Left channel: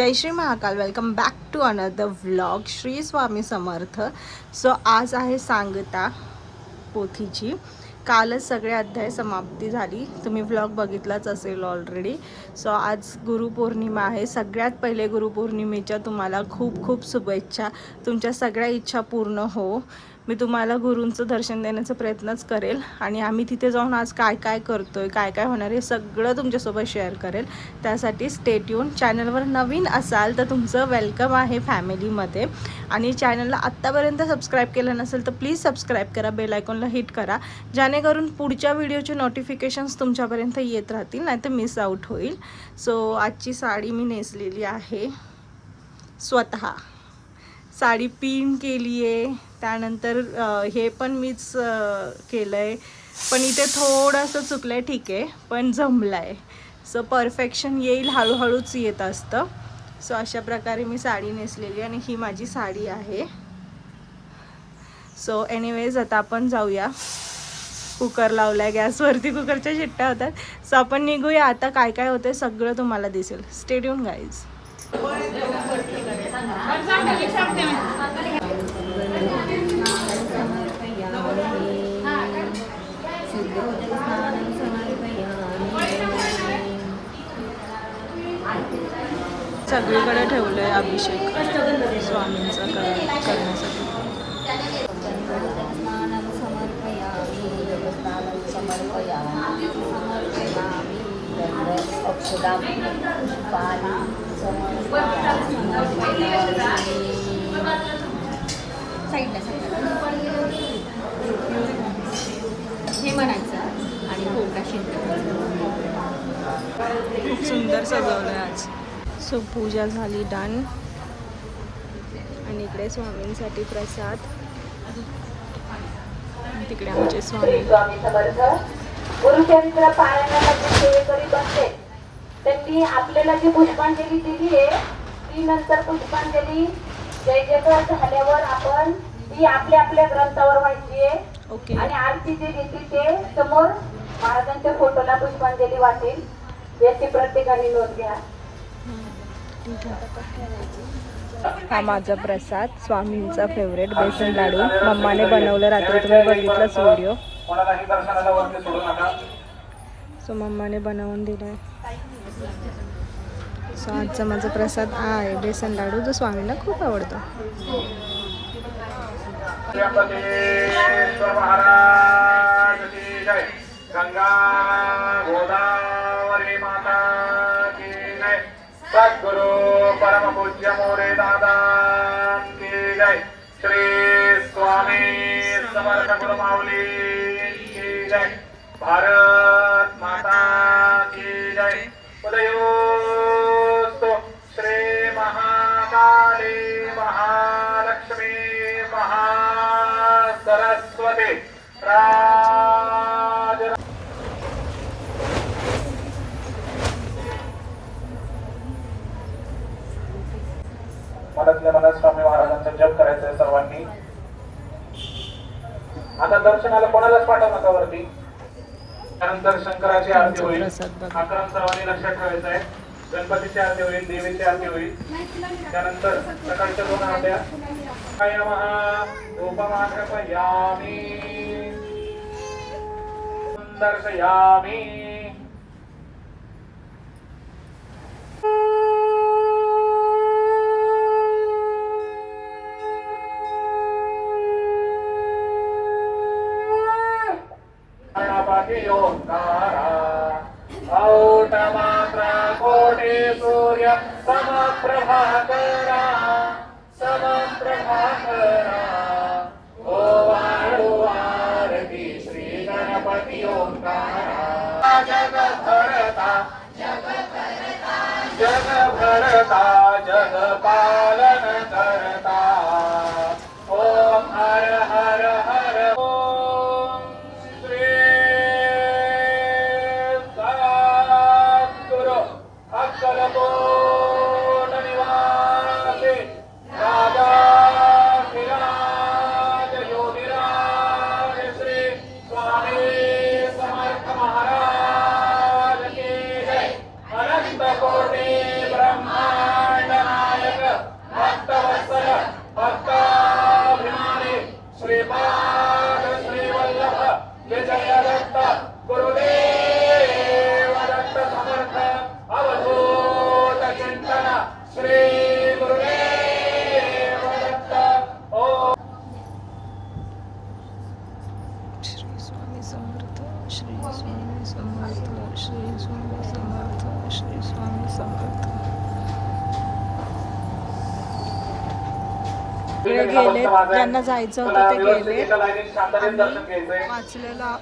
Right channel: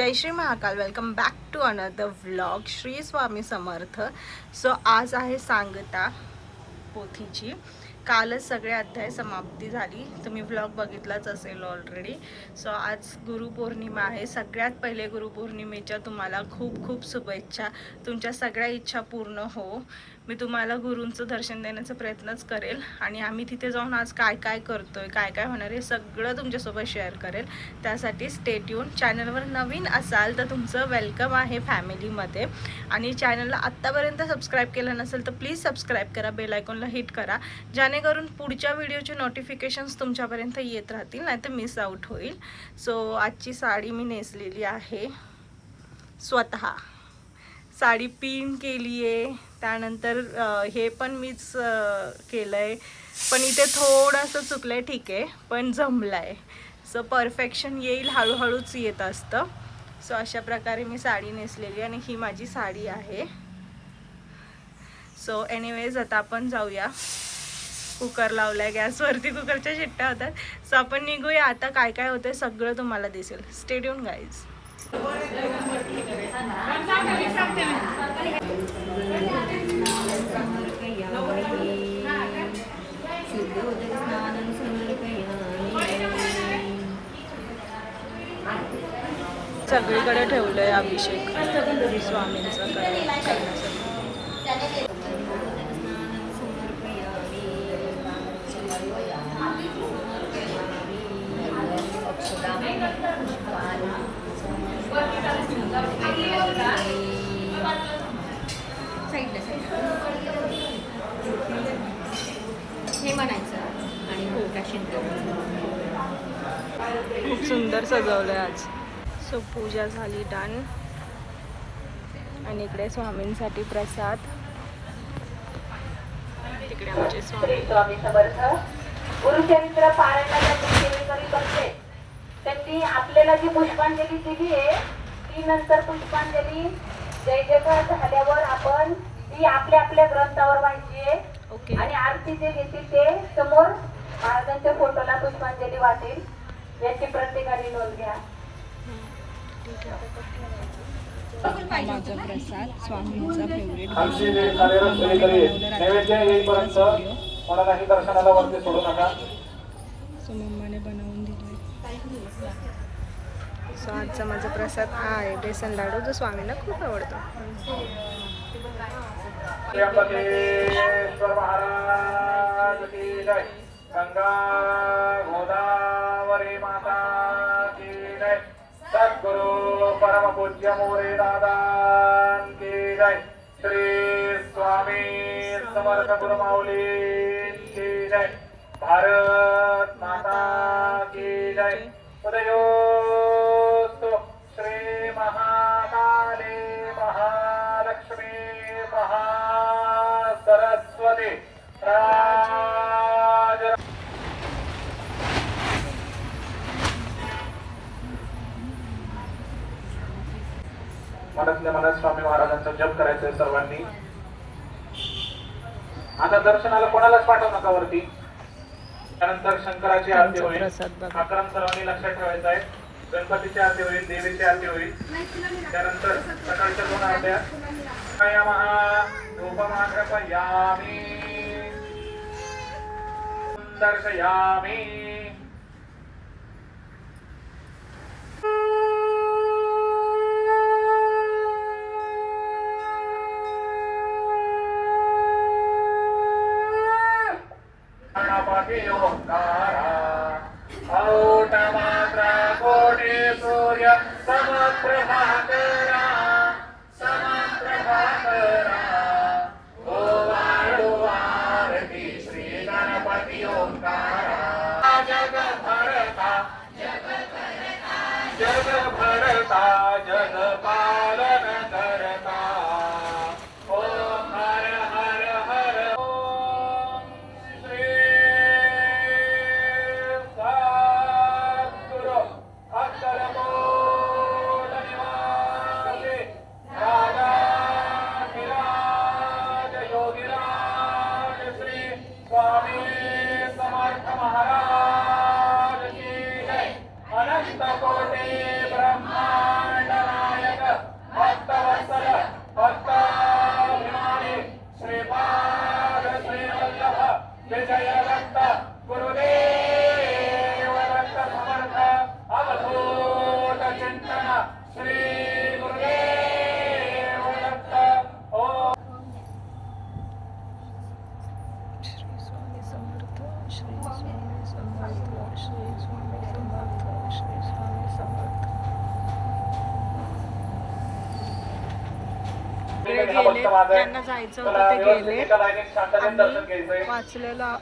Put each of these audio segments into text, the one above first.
Jai Shri Mahakal. Welcome back to another vlog. Shri Swami Samarth. So आज आहे सांगता पोथीची. कालच सगळे अध्याय समाप्ती झाली. तुम्ही व्लॉग बघितलाच असेल ऑलरेडी. सो आज गुरुपौर्णिमा आहे. सगळ्यात पहिले गुरुपौर्णिमेच्या तुम्हाला खूप खूप शुभेच्छा. तुमच्या सगळ्या इच्छा पूर्ण हो. मी तुम्हाला गुरूंचं दर्शन देण्याचा प्रयत्नच करेल आणि आम्ही तिथे जाऊन आज काय काय करतोय, काय काय होणार आहे सगळं तुमच्यासोबत शेअर करेल. त्यासाठी स्टे ट्यून. चॅनलवर नवीन असाल तर तुमचं वेलकम आहे फॅमिलीमध्ये. आणि चॅनलला आत्तापर्यंत सबस्क्राईब केलं नसेल तर प्लीज सबस्क्राईब करा, बेल आयकॉनला हिट करा, जेणेकरून पुढच्या व्हिडिओचे नोटिफिकेशन्स तुमच्यापर्यंत येत राहतील, नाही तर मिस आउट होईल. सो आजची साडी मी नेसलेली आहे स्वतः. साडी पिन केली आहे. त्यानंतर हे पण मीच केलं आहे, पण इथे थोडंसं चुकलं आहे, ठीक आहे, पण जमलं आहे. सो परफेक्शन येईल, हळूहळूच येत असतं. सो अशा प्रकारे मी साडी नेसलेली आणि ही माझी साडी आहे. सो एनिवेज आता आपण जाऊया. कुकर लावला आहे गॅसवरती, कुकरच्या शिट्ट्या होतात. सो आपण निघूया आता. काय काय होतं सगळं तुम्हाला दिसेल. Stay tune guys. सगळीकडे ठेवलंय अभिषेक स्वामींचा करण्यासाठी. हे म्हणायचं आणि भोगा खूप सुंदर सजवलंय आज. सो पूजा झाली डन. आणि इकडे स्वामींसाठी प्रसाद. तिकडे आमचे स्वामी. गुरुचरित्र पारायणामध्ये सेवेकरी बनते. त्यांनी आपल्याला जी पुष्पांजली दिली आहे ती नंतर पुष्पांजली जय जयकार झाल्यावर आपण ती आपल्या आपल्या ग्रंथावर व्हायची आहे. ओके. आणि आरती जे दिसते ते समोर महाराजांच्या फोटोला पुष्पांजली वाटेल. याची प्रत्येकाने नोंद घ्या. ठीक आहे. हा माझा प्रसाद, स्वामींचा फेवरेट बेसन लाडू. मम्माने बनवलं रात्री, तुम्ही बघितलाच व्हिडिओ. सो मम्माने बनवून दिलाय. सो आजचा माझा प्रसाद आहे बेसन लाडू, जो स्वामींना खूप आवडतो. गंगा गोदावरी माता की जय. सद्गुरु परम पूज्य मोरे दादा की जय. श्री स्वामी समर्थ गुरु माऊली की जय. भारत माता की जय. उदयोस्तु श्री महाकाली महालक्ष्मी महासरस्वती मनातल्या मनात स्वामी महाराजांचा जप करायचा सर्वांनी. आता दर्शनाला कोणालाच पाठवू नका वरती. त्यानंतर शंकराची आरती होईल. हा क्रम सर्वांनी लक्षात ठेवायचा आहे. गणपतीची आरती होईल, देवीची आरती होईल. त्यानंतर सकाळच्या 2 आरत्या. धूपमाघ्रपयामि दर्शयामि. औटमात्रा कोटि सूर्य समप्रभाकरा समप्रभाकरा. ओ वाळू आरती श्री गणपती ओंकारा. जग भरता जग पालन करता. ओम हर हर हर. ओम श्री सद्गुरु अक्कलकोट निवासी राजा विराज योगिराज श्री स्वामी समर्थ महाराज की जय. अनंत कोटि ब्रह्मांड सगळे गेले, ज्यांना जायचं होतं ते गेले. आम्ही वाचलेला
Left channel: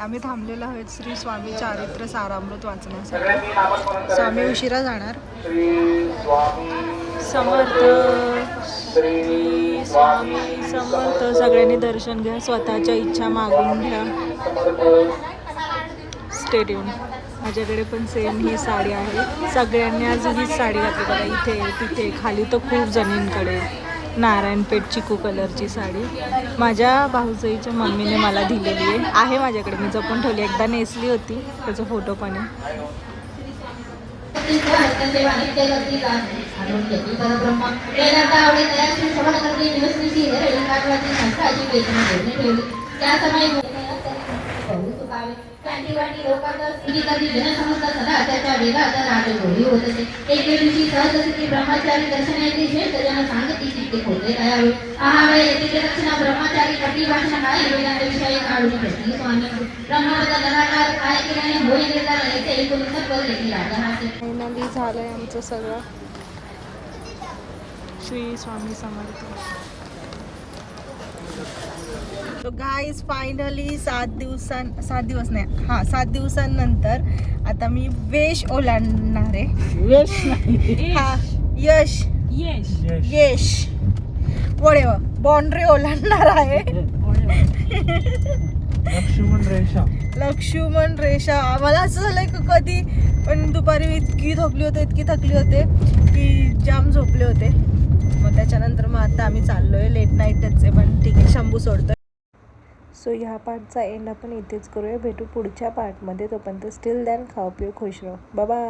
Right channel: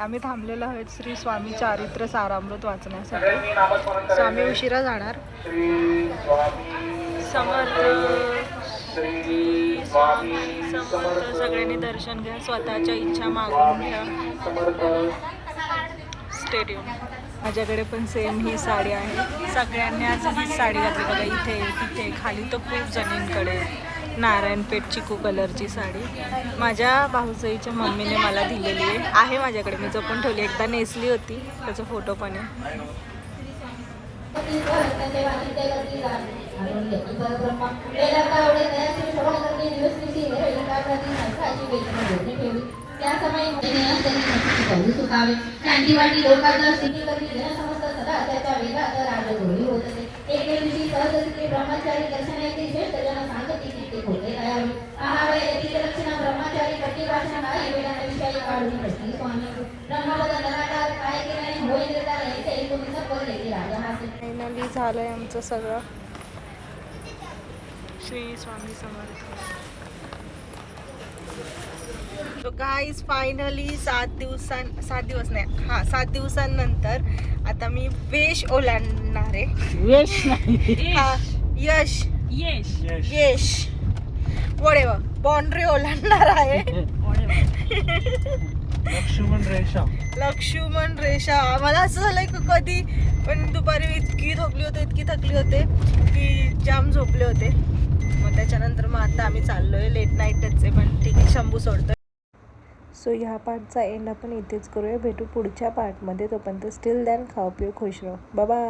आम्ही थांबलेलो आहोत श्री स्वामी चारित्र सारामृत वाचण्यासाठी. सो आम्ही उशिरा जाणार. समर्थ श्री स्वामी समर्थ. सगळ्यांनी दर्शन घ्या, स्वतःच्या इच्छा मागून घ्या. Stay tune. माझ्याकडे पण सेम ही साडी आहे. सगळ्यांनी आज हीच साडी घातली बघा. इथे तिथे खाली तर खूप जणींकडे नारायणपेठ चिकू कलरची साडी माझ्या भाऊजाईच्या मम्मीने मला दिलेली आहे माझ्याकडे. मी जपून ठेवली. एकदा नेसली होती, त्याचा फोटो पण आहे. शांतीवाटी लोकांतर स्थिती करती जनसमस्त सदा त्याच्या वेगात राजगोळी होत असे. एके दिवशी सहजस्थिती ब्रह्मचारी दर्शन येते श्रेष्ठ जन सांगती चित्ते होते तयावे. आहावे यतीचे रक्षण ब्रह्मचारी कटी भाषण आई वेदांत विषय काढून प्रश्नी स्वामी ब्रह्मवत लगातार काय केल्याने होई निर्धार येते एकूण पद लेखी राजहासे. फायनली झालंय आमचं सगळं. श्री स्वामी समर्थ. तो गाईज फायनली 7 दिवसांनंतर आता मी वेश ओलांडणार आहे. हा, यश वडेवा बाउंड्री ओलांडणार आहे. लक्ष्मण रेषा. मला असं झालंय की कधी पण दुपारी इतकी थकली होते की जाम झोपले होते. मग त्याच्यानंतर मग आता आम्ही चाललोय. लेट नाईटच आहे पण ठीक आहे, शंभू सोडतोय. सो ह्या पार्टचा एंड आपण इथेच करूया. भेटू पुढच्या पार्टमध्ये. तोपर्यंत स्टिल दॅन खाओ पिओ खुश राहो. Bye bye.